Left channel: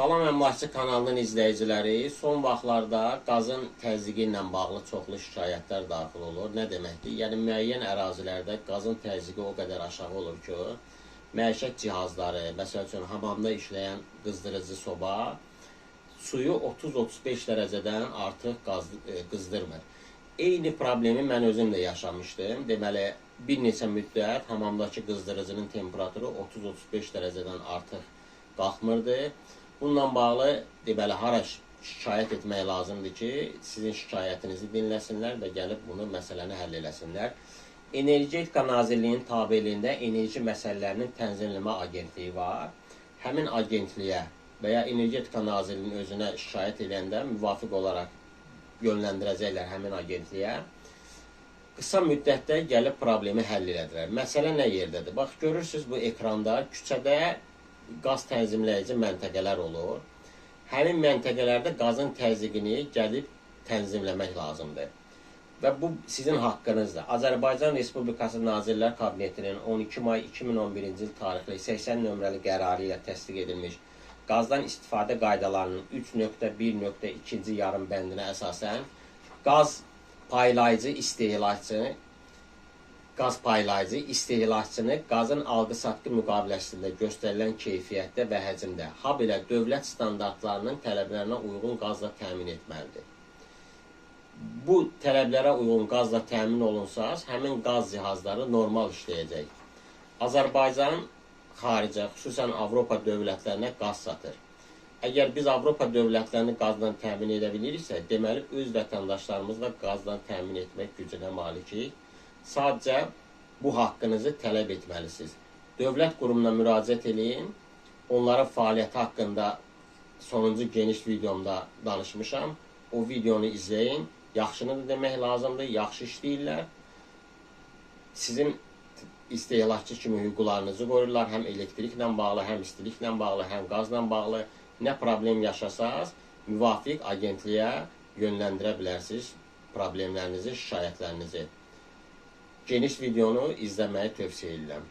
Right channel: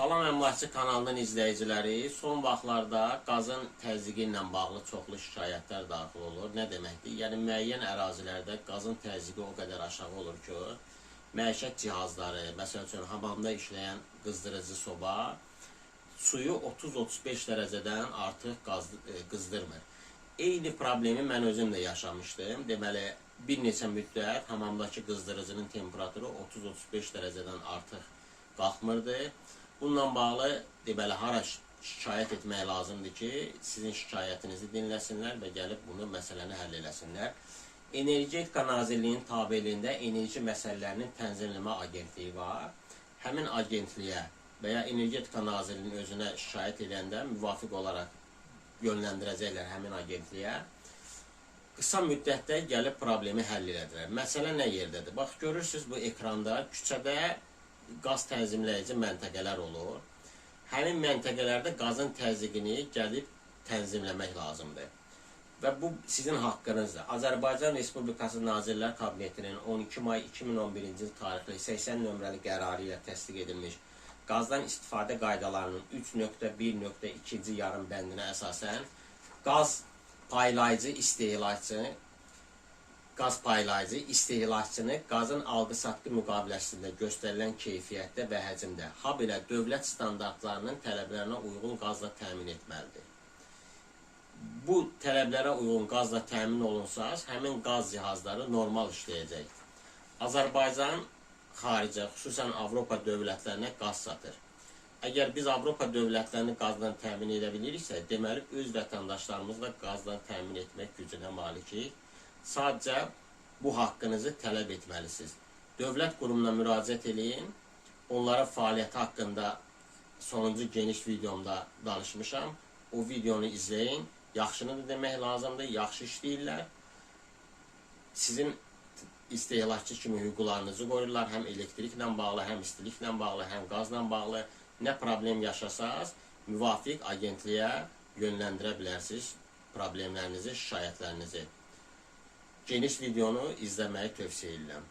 Salam Əmlakçı kanalının izləyiciləri, son vaxtlarda qazın təzyiqi ilə bağlı çoxlu şikayətlər daxil olur. Nə deməkdir? Yəni müəyyən ərazilərdə qazın təzyiqi o qədər aşağı olur ki, məişət cihazları, məsəl üçün hamamda işləyən qızdırıcı soba suyu 30-35 dərəcədən artıq qızdırmır. Eyni problemi mən özüm də yaşamışdım. Deməli, bir neçə müddət hamamdakı qızdırıcının temperaturu 30-35 dərəcədən artıq qalxmırdı. Bununla bağlı deməli hara şikayət etmək lazımdır ki, sizin şikayətinizi dinləsinlər və gəlib bunu məsələni həll eləsinlər. Energetika Nazirliyinin tabeliyində enerji məsələlərinin tənzimləmə agentliyi var. Həmin agentliyə və ya Energetika Nazirliyinin özünə şikayət edəndə müvafiq olaraq yönləndirəcəklər həmin agentliyə. Qısa müddətdə gəlib problemi həll edilər. Məsələ nə yerdədir? Bax, görürsünüz bu ekranda küçədə qaz tənzimləyici məntəqələr olur. Həmin məntəqələrdə qazın təzyiqini gəlib tənzimləmək lazımdır. Və bu sizin haqqınızdır. Azərbaycan Respublikası Nazirlər Kabinetinin 12 may 2011-ci il tarixli 80 nömrəli qərarı ilə təsdiq edilmiş qazdan istifadə qaydalarının 3.1.2-ci yarım bəndinə əsasən qaz paylayıcı istehlakçını qazın alqı-satqı müqaviləsində göstərilən keyfiyyətdə və həcmdə, habelə dövlət standartlarının tələblərinə uyğun qazla təmin etməlidir. Bu tələblərə uyğun qazla təmin olunsaz, həmin qaz cihazları normal işləyəcək. Azərbaycan xaricə, xüsusən Avropa dövlətlərinə qaz satır. Əgər biz Avropa dövlətlərini qazla təmin edə biliriksə, deməli öz vətəndaşlarımızla qazla təmin etmək gücünə malikik. Sadəcə bu haqqınızı tələb etməlisiniz. Dövlət qurumuna müraciət edin. Onların fəaliyyəti haqqında sonuncu geniş videomda danışmışam. O videonu izləyin. Yaxşını da demək lazımdır. Yaxşı işləyirlər. Sizin istehlakçı kimi hüquqlarınızı qoruyurlar. Həm elektriklə bağlı, həm istiliklə bağlı, həm qazla bağlı. Nə problem yaşasaz, müvafiq agentliyə yönləndirə bilərsiniz problemlərinizi, şikayətlərinizi. Geniş videonu izləməyi tövsiyə edirəm.